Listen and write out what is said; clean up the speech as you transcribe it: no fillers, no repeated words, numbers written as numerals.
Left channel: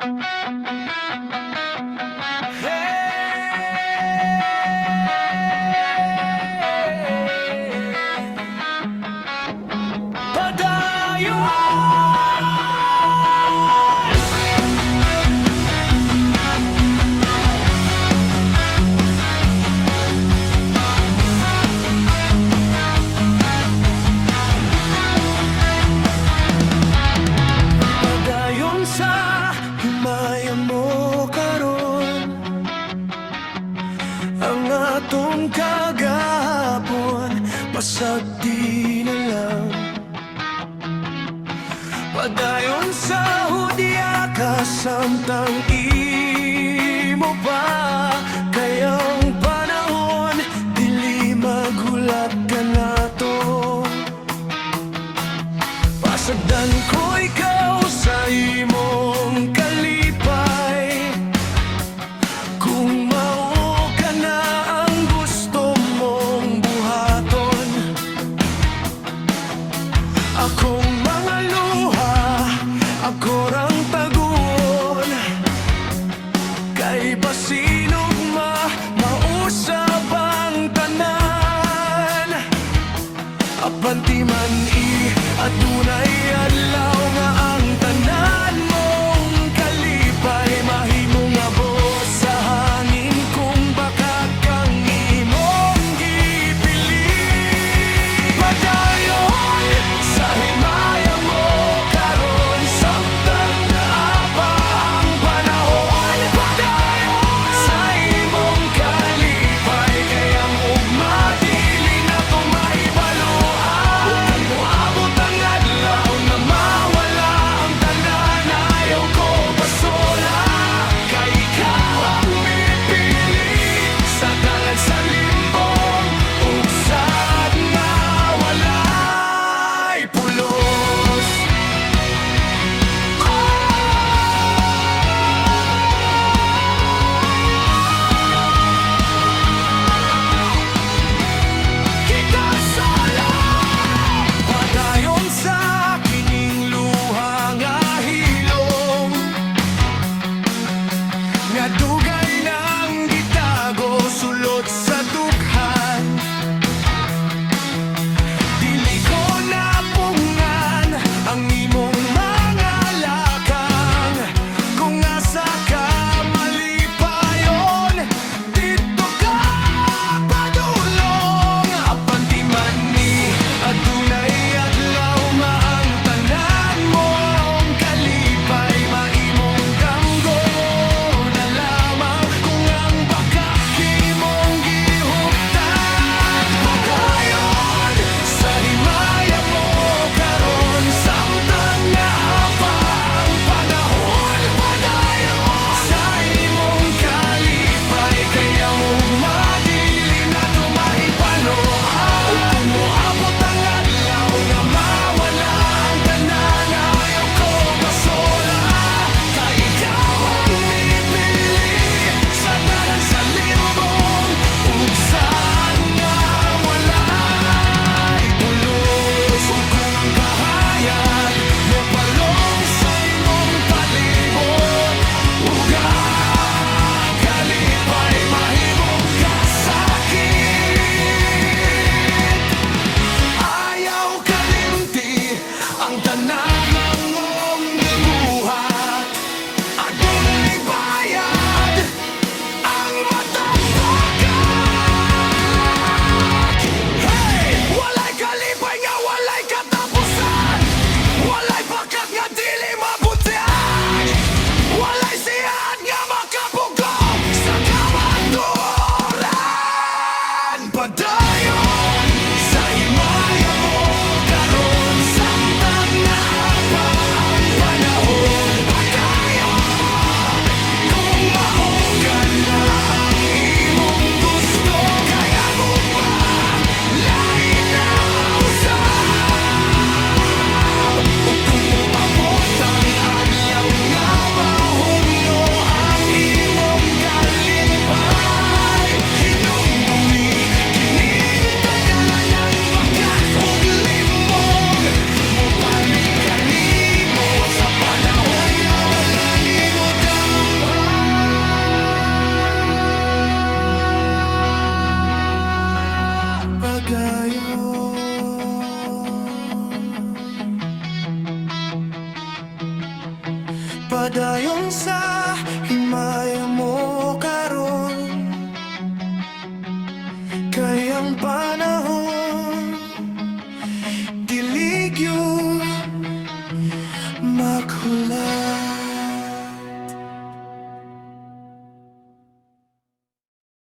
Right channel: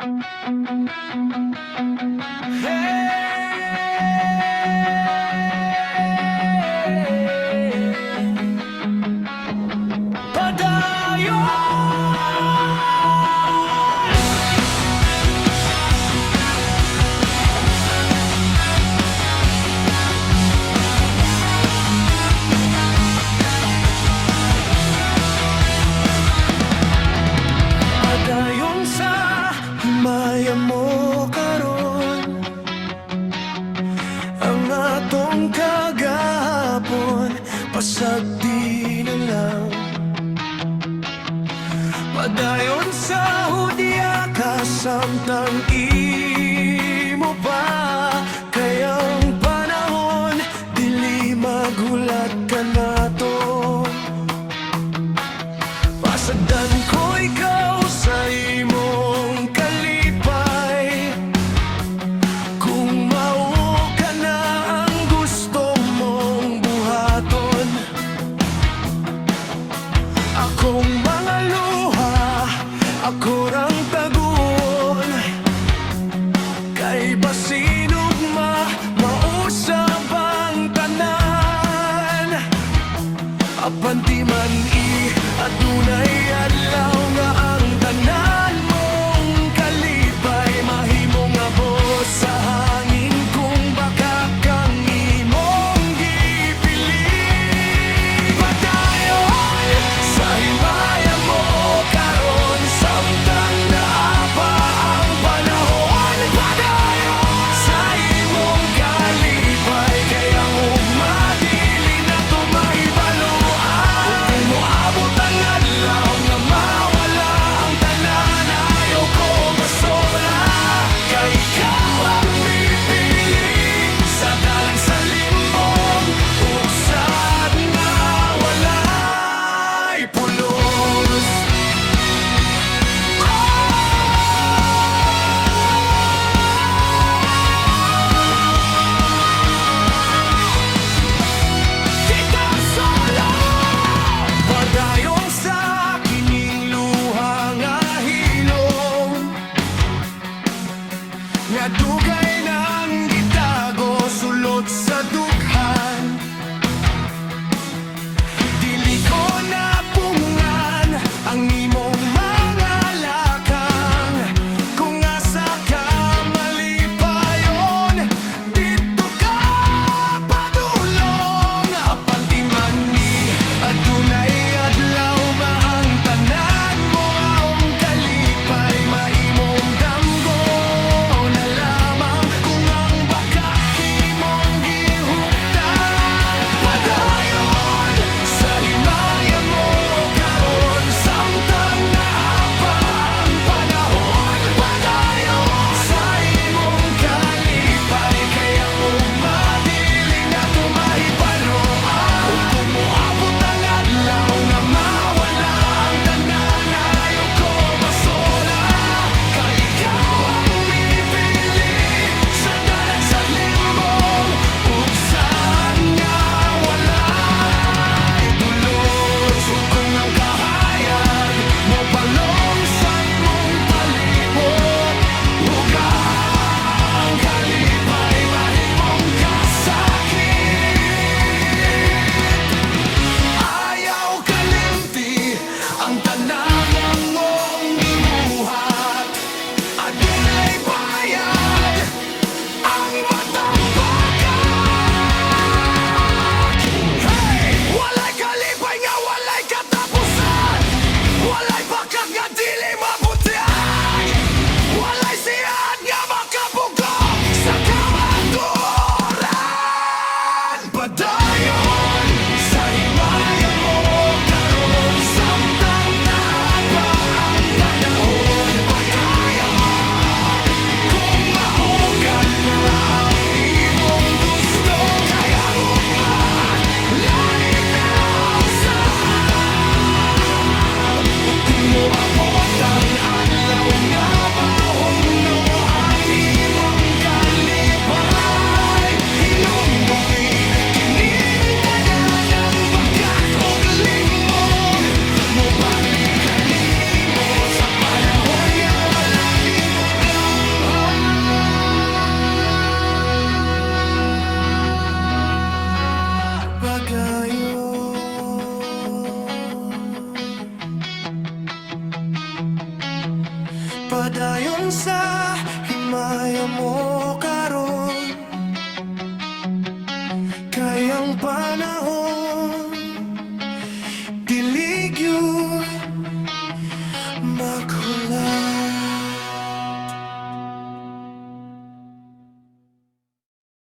Padayon sa himaya mo karon, ang atong kagahapon pasag di na lang. Padayon sa hudya ka samtang imo pa, kayang panahon dili magulat ka nato. Pasagdan ko ikaw sa imong kalipay, kung mao ka na ang gusto mong buhaton. Akong mga luha, ako rang taguon, kay basinog mausab ang tanan. Apan ti man adunay adlaw nga ang tanan mong kalipay mahimo nga bos sa hangin, kung baka kang imong gipili. Padayon sa himaya mo karon samtang naapa ang panahon. Padayon sa imong kalipay, kayang ugma dili na tumahibaluan. Kung moabot ang adlaw nga mawala ang tanan, ayaw ko pasola, kay ikaw ang mipili sa dalan sa limbong uksad nga walay pulos. Kita solo padayon sa kining luha nga hilom, nga dugay nang gitago sulod sa dughan. Dili ko napungan ang imong mga lakang, kung asa ka malipayon dito ka padulong. Apan ti man ni adunay adlaw nga ang tanan mong kalipay maimong damgo na lamang, kung ang baka kimong gihuptan. Padayon sa himaya mo karon samtang Padayon sa